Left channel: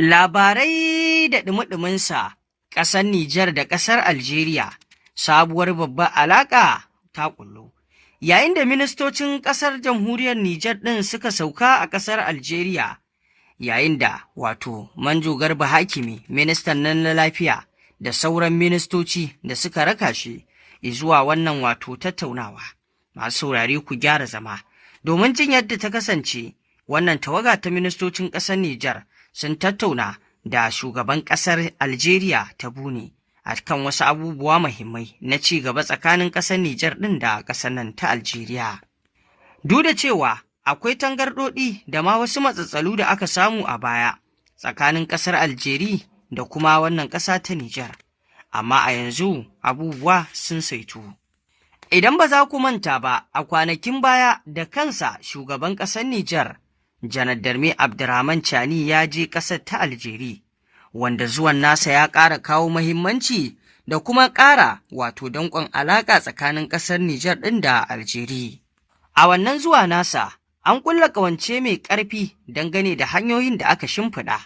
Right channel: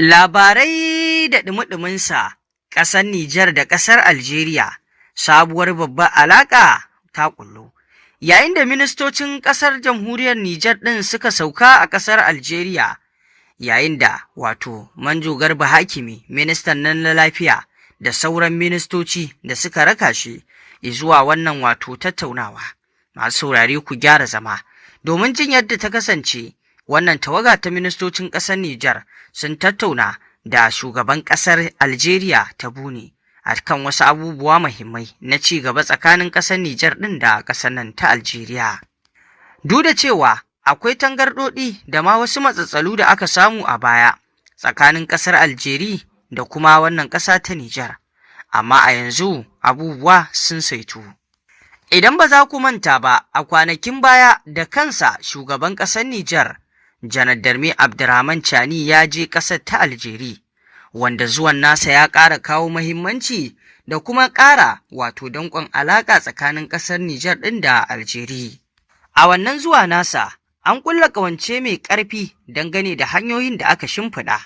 Labarai da ɗumi-ɗuminsa, ƙasar Nijar da ƙasar Algeria, sabuwar babbar alaƙa ta ƙullu. Yayin da ministocin ƙasar jamhuriyar Nijar ɗin suka sauka a ƙasar Algeria, yayin da Manjo Garba Hakimi, ministan nan na lafiya, da sauran ministoci da suka raka shi zuwa wannan tattaunawa. Masu saurare ku gyara zama, domin jin yadda ta kasance. Wannan tawaga ta ministocin ƙasar Nijar sun tattauna da shugaban ƙasar Algeria ta Buni a kan wasu abubuwa muhimmai na ci gaba tsakanin ƙasar Nijar ɗin da ƙasar nan ta Algeria. Duk da cewa akwai tangarɗoɗi da ma wasu matsatsalu da aka samu a baya tsakanin ƙasar Algeria da kuma wannan ƙasa ta Nijar, amma a yanzu abubuwa sun saitu. Idan ba za ku manta ba, a kwanakin baya da kansa shugaban ƙasar Nijar Janar Darme Abdurrahman Chani ya je ƙasar ta Algeria, wanda zuwan nasa ya ƙara kawo muhimmanci da kuma ƙara danƙon alaƙa tsakanin ƙasar Nijar ɗin da Algeria. A wannan zuwa nasa, an ƙulla ƙawance mai ƙarfi dangane da hanyoyin da aka shimfiɗa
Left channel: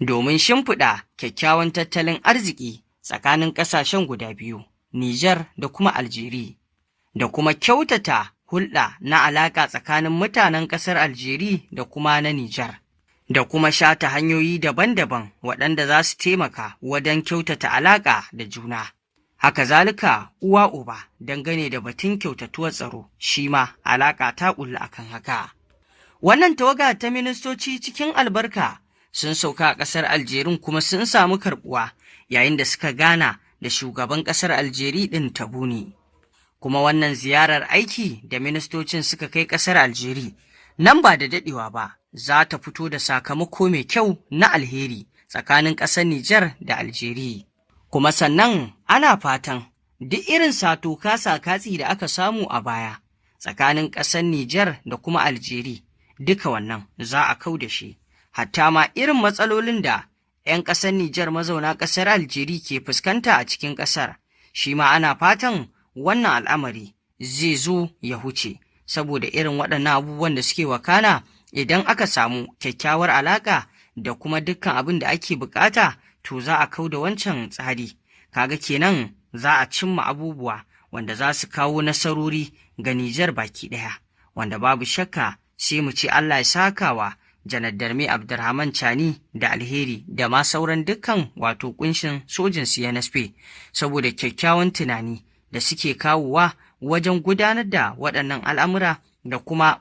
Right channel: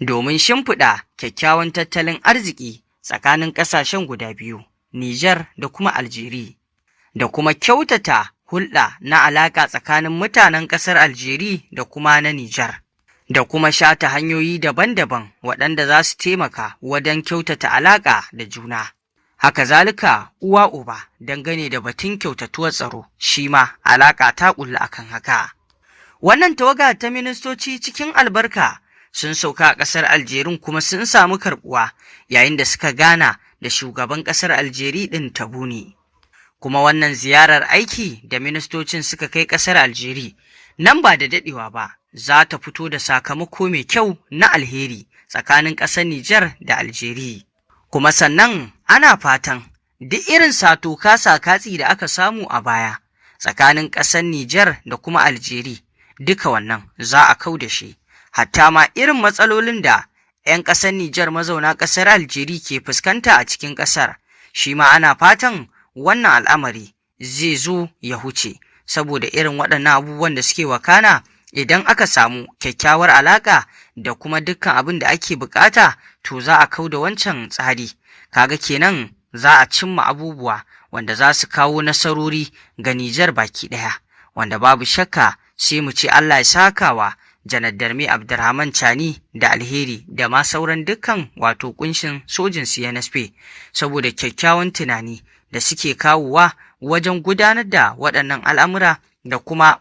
domin shimfiɗa kyakkyawan tattalin arziki tsakanin ƙasashen guda biyu, Nijar da kuma Algeria, da kuma kyautata hulɗa na alaƙa tsakanin mutanen ƙasar Algeria da kuma na Nijar, da kuma shata hanyoyi daban-daban waɗanda za su taimaka wajen kyautata alaƙa da juna. Haka zalika uwa uba dangane da batun kyautatuwar tsaro, shi ma alaƙa ta ƙulla akan haka. Wannan tawaga ta ministoci cikin albarka sun sauka a ƙasar Algeria kuma sun samu karɓuwa yayin da suka gana da shugaban ƙasar Algeria ɗin ta Buni. Kuma wannan ziyarar aiki da ministocin suka kai ƙasar Algeria nan ba da daɗewa ba za ta fito da sakamako mai kyau na alheri tsakanin ƙasar Nijar da Algeria. Kuma sannan ana fatan duk irin katsi da aka samu a baya tsakanin ƙasar Nijar da kuma Algeria, duka wannan za a kau da shi, hatta ma irin matsalolin da 'yan ƙasar Nijar mazauna ƙasar Algeria ke fuskanta a cikin ƙasar, shi ma ana fatan wannan al'amari zai zo ya huce, saboda irin waɗannan abubuwan da suke wakana idan aka samu kyakkyawar alaƙa da kuma dukkan abin da ake bukata, to za a kau da wancan tsari. Kaga kenan za a cimma abubuwa wanda za su kawo nasarori ga Nijar baki ɗaya, wanda babu shakka sai mu ce Allah ya sakawa Janar Darme Abdurrahman Chani da alheri da ma sauran dukkan kunshin sojin CNSP, saboda kyakkyawan tunani da suke kawowa wajen gudanar da waɗannan al'amura da kuma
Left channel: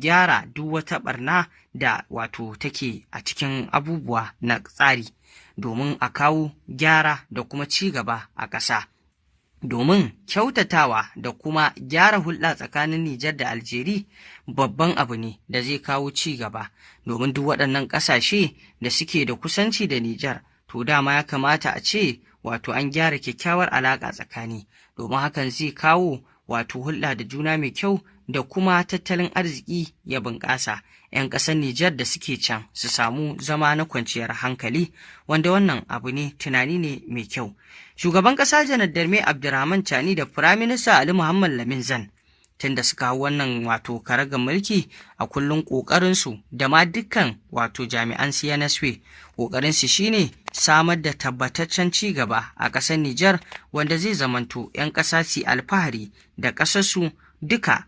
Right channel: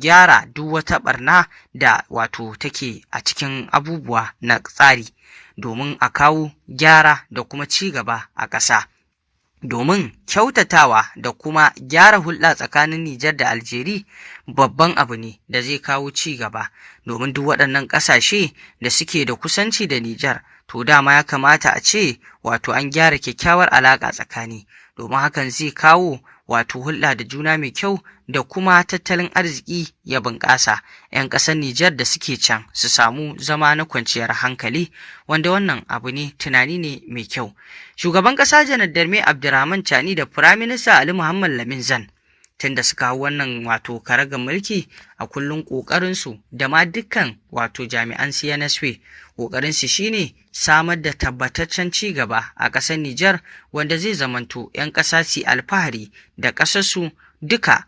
gyara duk wata ɓarna da take a cikin abubuwa na tsari, domin a kawo gyara da kuma ci gaba a ƙasa. Domin kyautatawa da kuma gyara hulɗa tsakanin Nijar da Algeria babban abu ne da zai kawo ci gaba, domin duk waɗannan ƙasashe da suke da kusanci da Nijar, to dama ya kamata a ce an gyara kyakkyawar alaƙa tsakani, domin hakan zai kawo hulɗa da juna mai kyau da kuma tattalin arziki ya bunƙasa. 'Yan ƙasar Nijar da suke can su samu zama na kwanciyar hankali, wanda wannan abu ne, tunani ne mai kyau. Shugaban ƙasa Janar Darme Abdurrahman Chani da Firaminista Ali Muhammad Lamin Zan, tun da suka hau wannan karagar mulki, a kullum ƙoƙarinsu da ma dukkan jami'an CNSP ƙoƙarinsu shine samar da tabbataccen ci gaba a ƙasar Nijar, wanda zai zamanto 'yan ƙasa su alfahari da ƙasarsu duka,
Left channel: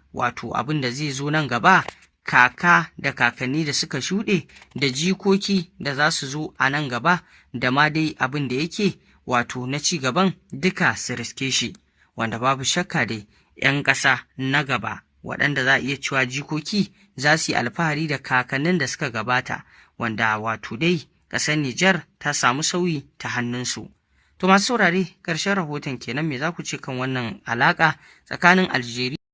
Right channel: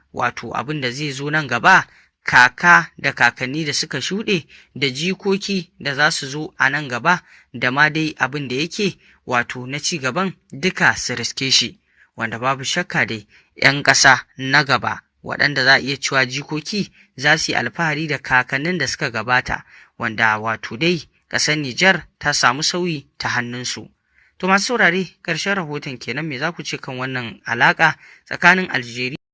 abin da zai zo nan gaba, kaka da kakanni da suka shuɗe da jikoki da za su zo a nan gaba, da ma dai abin da yake na ci gaban duka su riske shi, wanda babu shakka dai 'yan ƙasa na gaba waɗanda za a iya cewa jikoki za su yi alfahari da kakannin da suka gabata, wanda dai ƙasar Nijar ta samu sauyi ta hannunsu. To masu saurare, ƙarshen rahoton kenan, me za ku ce kan wannan alaƙa tsakanin Algeria